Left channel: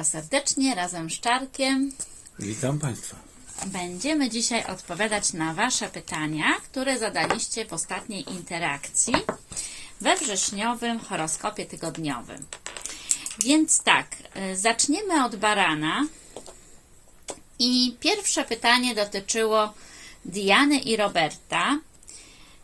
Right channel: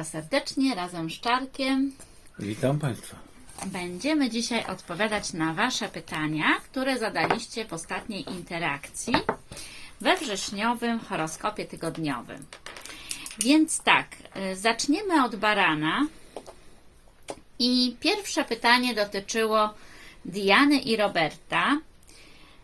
Państwa serdecznie razem z Czarkiem. Witam Państwa. Będziemy dzisiaj odpowiadać na Wasze pytania, które zadaliście w ostatniej interakcji we wrześniowym horoskopie tygodniowym. Więc tak, y, zaczniemy od barana. I pierwsze pytanie dotyczyło Diany i Roberta.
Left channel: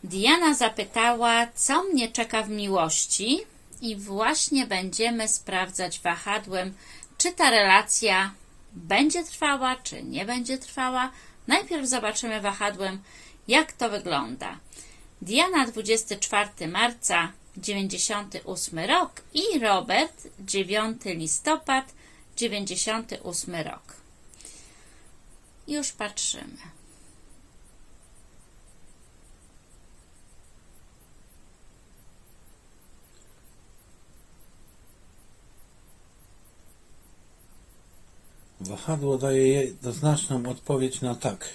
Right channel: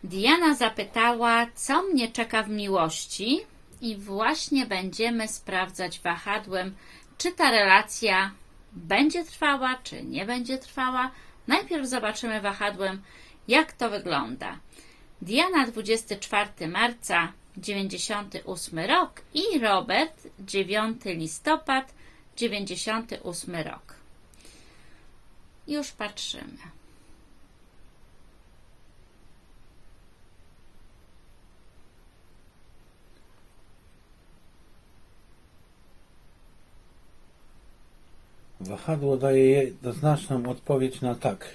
Diana zapytała, co mnie czeka w miłości, i właśnie będziemy sprawdzać wahadłem, czy ta relacja będzie trwała, czy nie będzie trwała. Najpierw zobaczymy wahadłem, jak to wygląda. Diana 24 marca 98 rok i Robert 9 listopad 98 rok. Już patrzymy. Wahadło daje jednoznaczną odpowiedź na tak.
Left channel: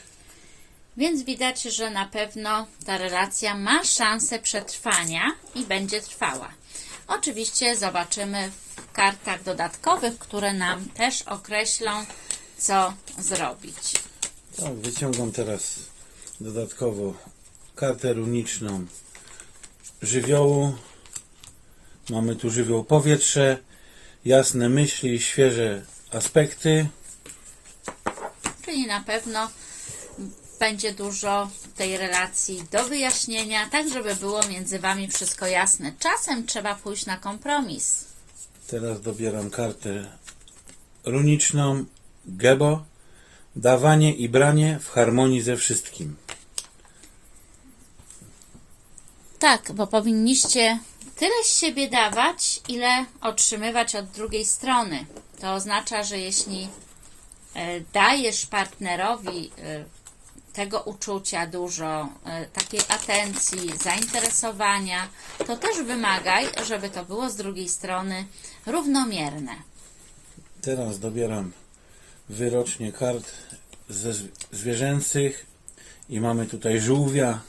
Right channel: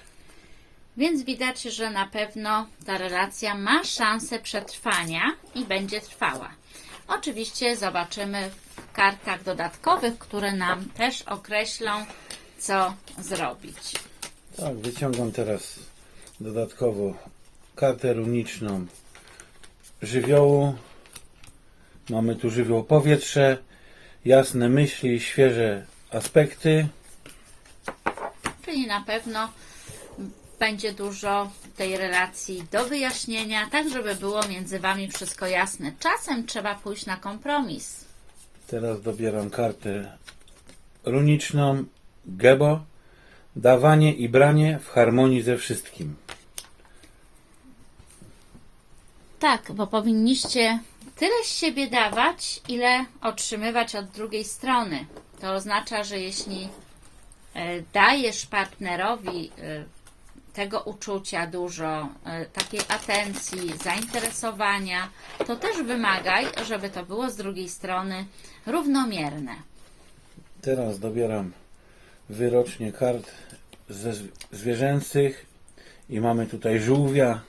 Więc widać, że na pewno ta relacja ma szansę przetrwania i będzie trwała. Oczywiście zobaczymy w kartach dodatkowych, które nam też określą, co zrobić. Tak, wyciągam teraz dodatkowo kartę runiczną żywiołu. Mamy tu żywioł powietrze, jasne myśli, świeże aspekty. Czyli na pewno będzie dużo tej relacji do wyjaśnienia, tak żeby było między Wami wszystko jasne. Czasem trzeba pójść na kompromis. Teraz dobieram kartę runiczną Gebo. Dawanie i branie w harmonii ze wszystkim. Tak, bo powinniście tyle z siebie dawać, ile otrzymywać od drugiej strony. To oznacza, że jeśli dajesz partnerowi e, tego uczucia dużo, e, takiej atencji, zainteresowania, to też wymagaj, żeby to było z drugiej strony równomierne. Teraz dobieram wyrocznie kart ze zwierzęcych i mamy tutaj żółwia.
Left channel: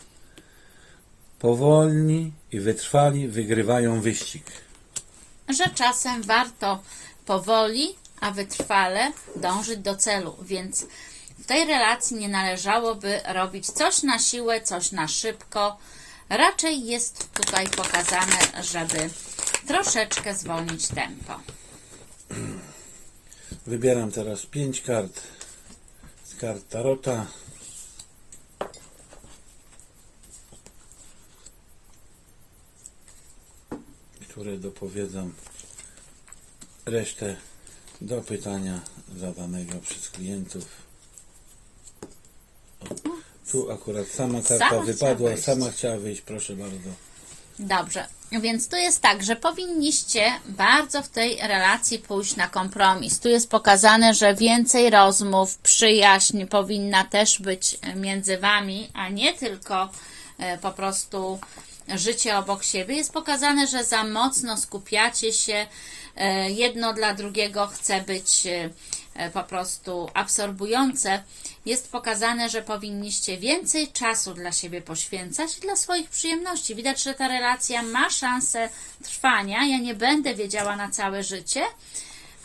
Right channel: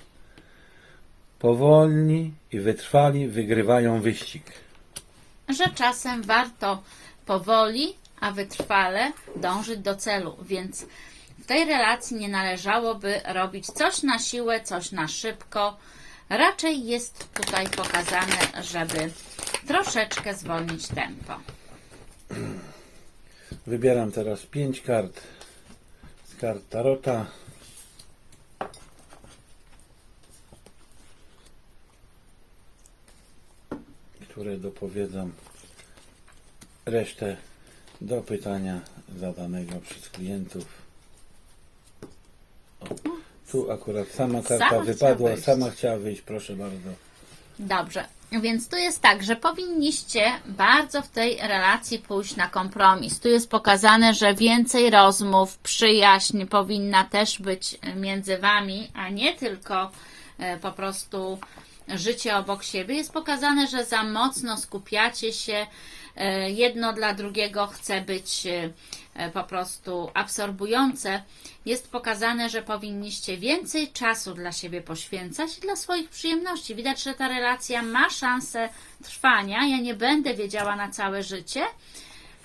Powolni i wytrwali wygrywają wyścig. że czasem warto powoli, a wytrwale dążyć do celu, więc w tej relacji nie należałoby robić coś na siłę, coś na szybko. Raczej jest tutaj pokazane, żeby troszeczkę zwolnić tempo. Wybieram teraz pięć kart z kart Tarota. które dopowiedzą resztę do pytania zadanego przez klientów. O, tu akurat sama karta Sama wypadła, wyjść. sama chciała wyjść, proszę bardzo. Dobrze, więc tu jest tak, że powinniście bardzo w tej relacji pójść na kompromis. Tu jest pokazane, że więcej rozmów, przyjaźń powinna też być między wami, a nie tylko e, po prostu życie obok siebie. Jest pokazane, że za mocno skupiacie się, jedno dla drugiego chce być e, e, po prostu absorbujące. Jest pokazane, że powinniście więcej czasu dla siebie poświęcać i dla swoich przyjemności. Widać, że ta relacja ma szansę trwania. Ja nie będę wiedziała na całe życie,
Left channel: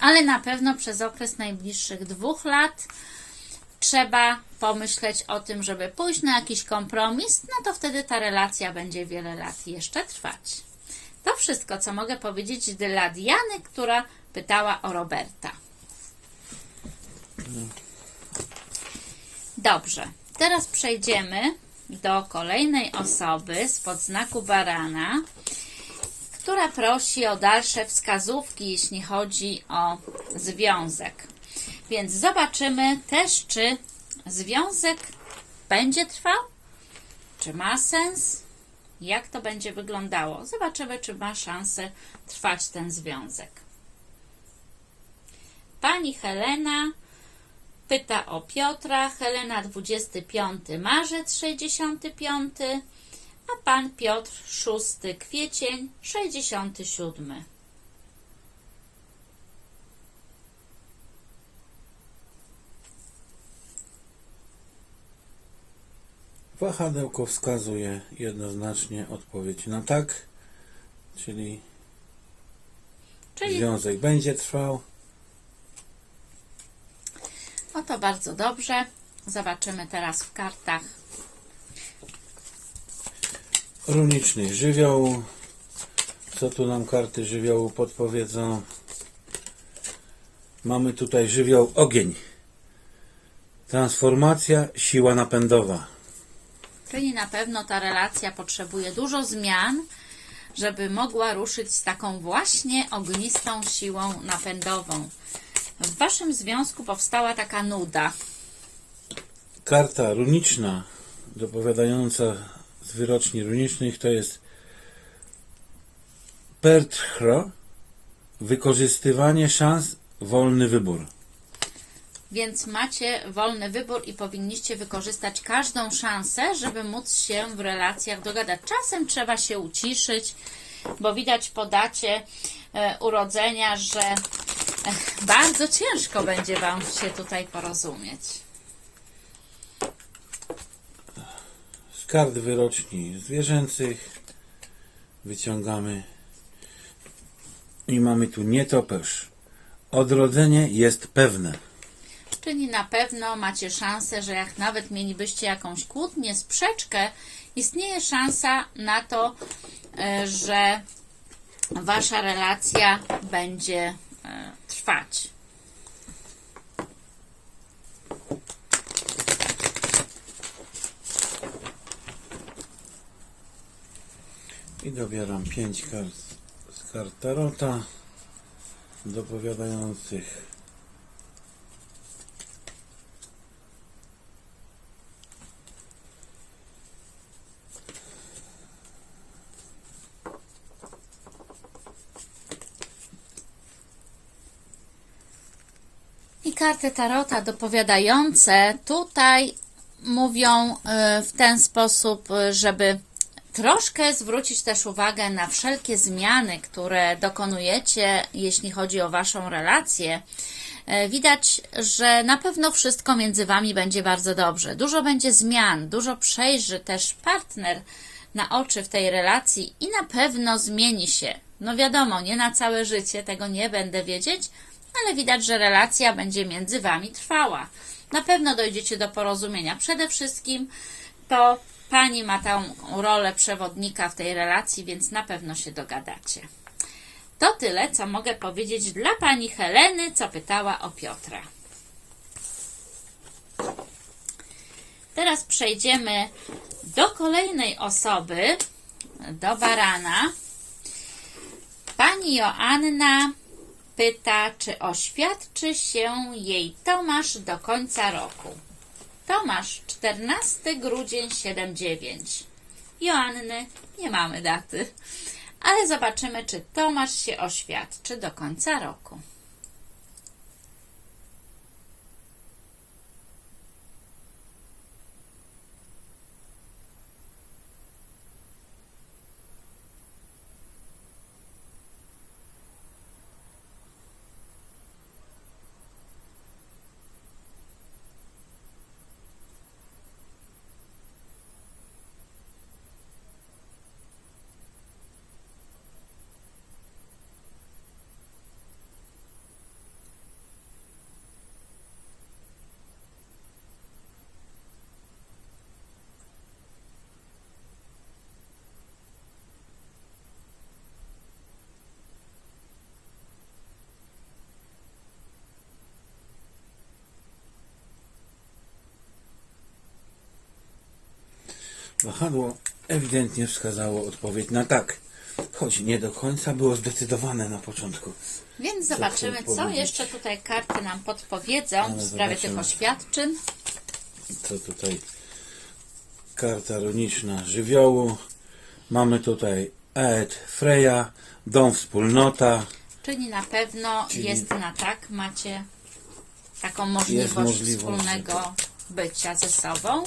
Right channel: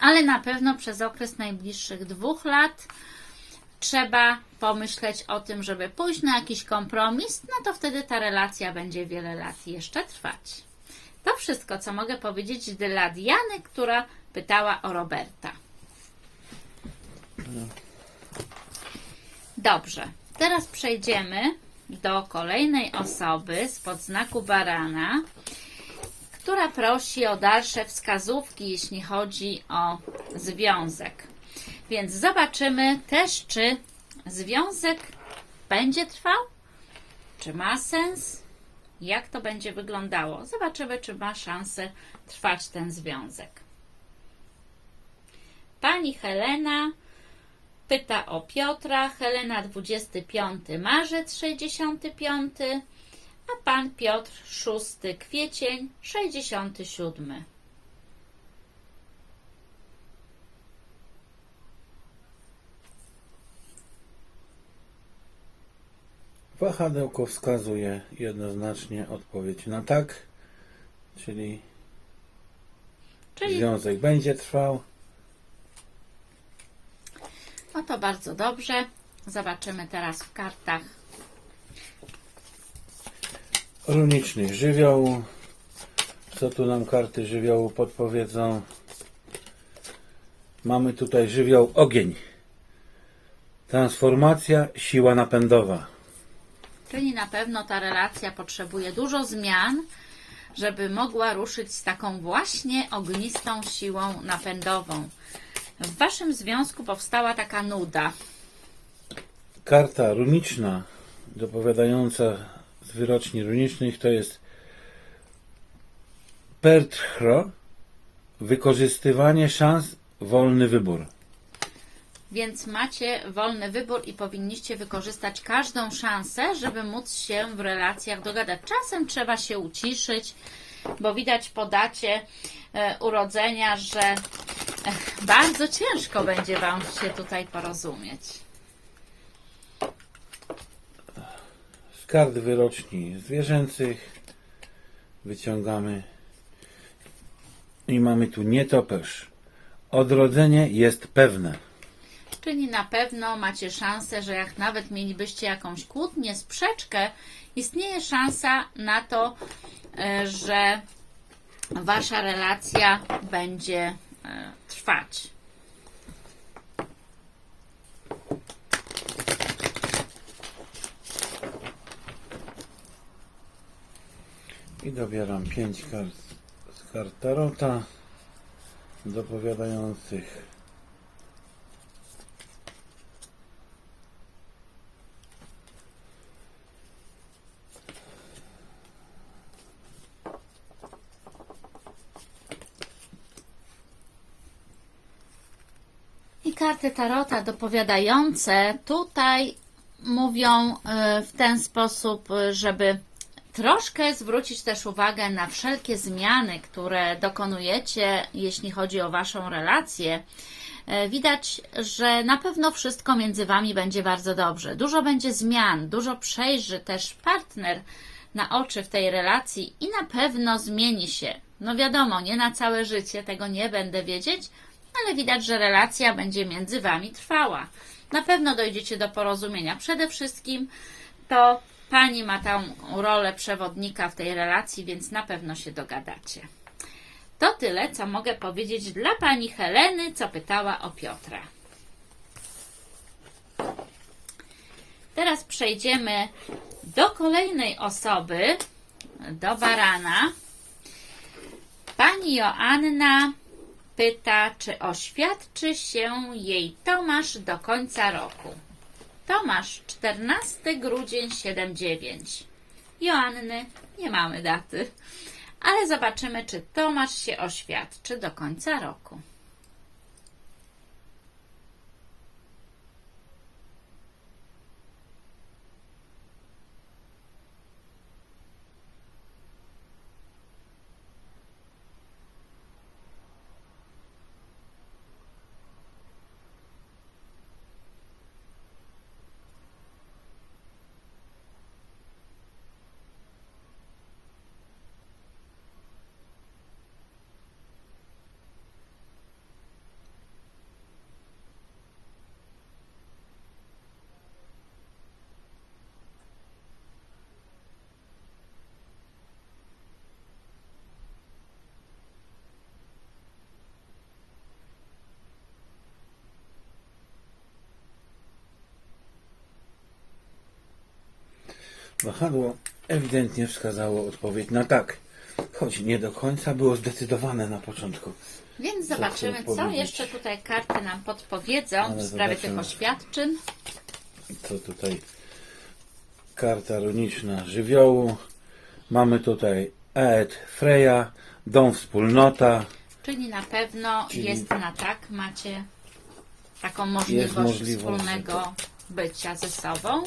ale na pewno przez okres najbliższych dwóch lat trzeba pomyśleć o tym, żeby pójść na jakiś kompromis, no to wtedy ta relacja będzie wiele lat jeszcze trwać. To wszystko, co mogę powiedzieć dla Diany, która pytała o Roberta. Dobrze, teraz przejdziemy do kolejnej osoby spod znaku barana, która prosi o dalsze wskazówki, jeśli chodzi o związek. Więc zobaczymy też, czy związek będzie trwał, czy ma sens, jak to będzie wyglądało. Zobaczymy, czy ma szansę trwać ten związek. Pani Helena pyta o Piotra. Helena 25 marzec 65, a pan Piotr 6 kwiecień 67. Wahadełko wskazuje jednoznacznie odpowiedź na tak, czyli Czyli związek będzie trwał. to bardzo dobrze. Zobaczymy teraz w kartach. Runicznie żywioł. Co tu nam karty żywiołu podpowiedzą? Mamy tutaj żywioł ogień. Transformacja, siła napędowa. Czyli na pewno ta relacja potrzebuje dużo zmian, żeby mogła ruszyć z taką właśnie ognistą siłą napędową. W Waszym związku powstała taka nuda. Karta runiczna, dopowiadająca z wyroczni runicznych, to jest Perthro, wykorzystywanie szans, wolny wybór. Więc macie wolny wybór i powinniście wykorzystać każdą szansę, żeby móc się w relacjach dogadać. Czasem trzeba się uciszyć, bo widać po dacie e, urodzenia, że e, bardzo ciężko będzie Wam się tutaj porozumieć. Z kart wyroczni zwierzęcych wyciągamy i mamy tu nietoperz. Odrodzenie jest pewne. Czyli na pewno macie szansę, że jak nawet mielibyście jakąś kłótnię, sprzeczkę, istnieje szansa na to, e, że wasza relacja będzie e, trwać. I dobieram pięć kart z kart Tarota dopowiadających karty Tarota dopowiadające tutaj mówią e, w ten sposób, e, żeby troszkę zwrócić też uwagę na wszelkie zmiany, które dokonujecie, jeśli chodzi o Waszą relację. E, Widać, że na pewno wszystko między Wami będzie bardzo dobrze. Dużo będzie zmian, dużo przejrzy też partner na oczy w tej relacji i na pewno zmieni się. No wiadomo, nie na całe życie, tego nie będę wiedzieć, ale widać, że relacja będzie między Wami trwała. Na pewno dojdziecie do porozumienia. Przede wszystkim to Pani ma tą rolę przewodnika w tej relacji, więc na pewno się dogadacie. To tyle, co mogę powiedzieć dla Pani Heleny, co pytała o Piotra. Teraz przejdziemy do kolejnej osoby, do Barana. Pani Joanna pyta, czy oświadczy się jej Tomasz do końca roku. Tomasz, 14 grudzień 79. Joanny, nie mamy daty, ale zobaczymy, czy Tomasz się oświadczy do końca roku. Wahadło ewidentnie wskazało odpowiedź na tak. Choć nie do końca było zdecydowane na początku. Więc Co zobaczymy, co powiedzieć? jeszcze tutaj karty nam podpowiedzą Ale w sprawie tych oświadczyn. Co tutaj? Karta runiczna żywiołu. Mamy tutaj Ed, Freya, dom wspólnota. Czyli na pewno Czyli- jest na tak, macie taką możliwość, możliwość, wspólnego bycia ze sobą.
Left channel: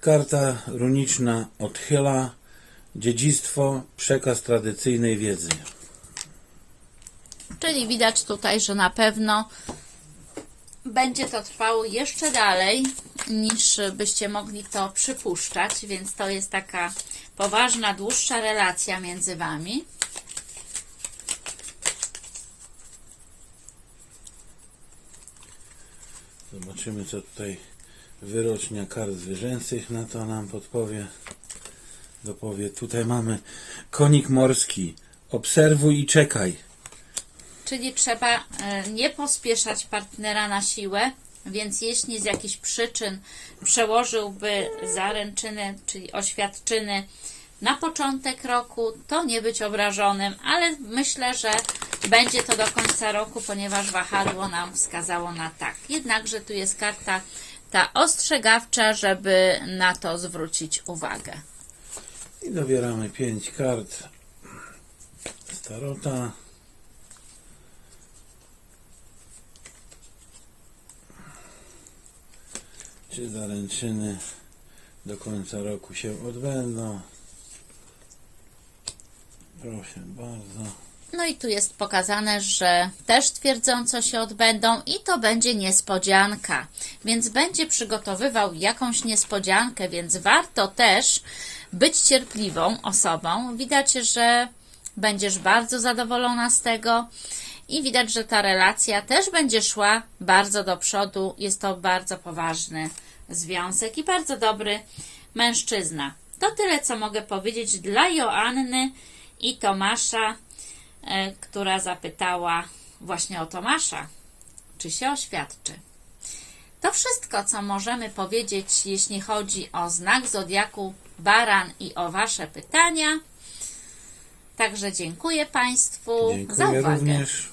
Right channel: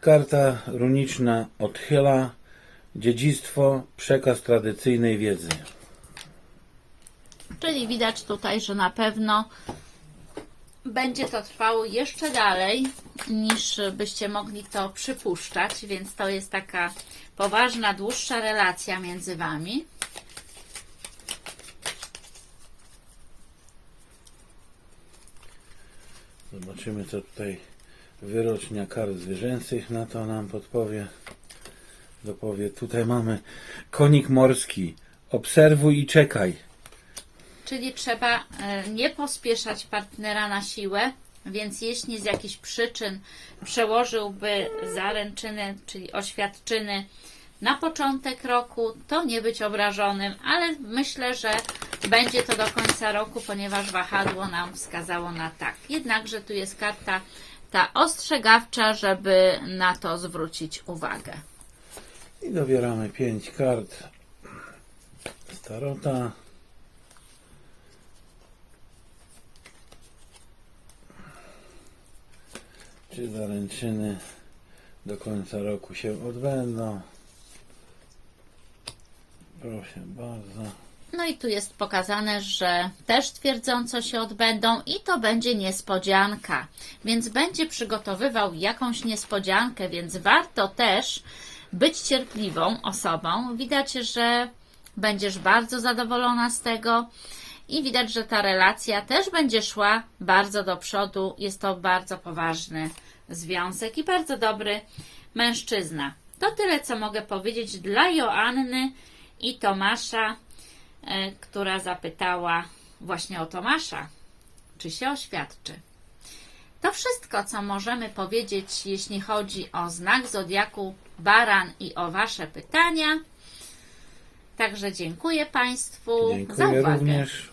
Karta runiczna odchyla dziedzictwo, przekaz tradycyjnej wiedzy. Czyli widać tutaj, że na pewno będzie to trwało jeszcze dalej niż byście mogli to przypuszczać, więc to jest taka poważna, dłuższa relacja między Wami. Zobaczymy, co tutaj wyrocznia kart zwierzęcych na to nam podpowie. Dopowie. Tutaj mamy konik morski. Obserwuj i czekaj. Czyli trzeba e, nie pospieszać partnera na siłę, więc jeśli z jakichś przyczyn przełożyłby zaręczyny, czyli oświadczyny na początek roku, to nie być obrażonym, ale myślę, że będzie to do końca roku, ponieważ wahadło nam wskazało na tak. Jednakże tu jest karta ta ostrzegawcza, żeby na to zwrócić uwagę. I dobieramy pięć kart starota. Czy zaręczyny do końca roku się odbędą? Proszę bardzo. No i tu jest pokazane, że też twierdząco się odbędą i to będzie niespodzianka. Więc będzie przygotowywał jakąś niespodziankę, więc warto też być cierpliwą osobą. Widać, że będziesz bardzo zadowolona z tego i widać, że ta relacja też będzie szła bardzo do przodu. Jest to bardzo poważny związek i bardzo dobry mężczyzna. To tyle, co mogę powiedzieć dla Joanny i Tomasza która zapytała właśnie o Tomasza, czy się oświadczy. To wszystko, co możemy powiedzieć, jeśli chodzi o znak zodiaku Baran i o Wasze pytania. Także dziękuję Państwu za Dziękuję uwagę. również.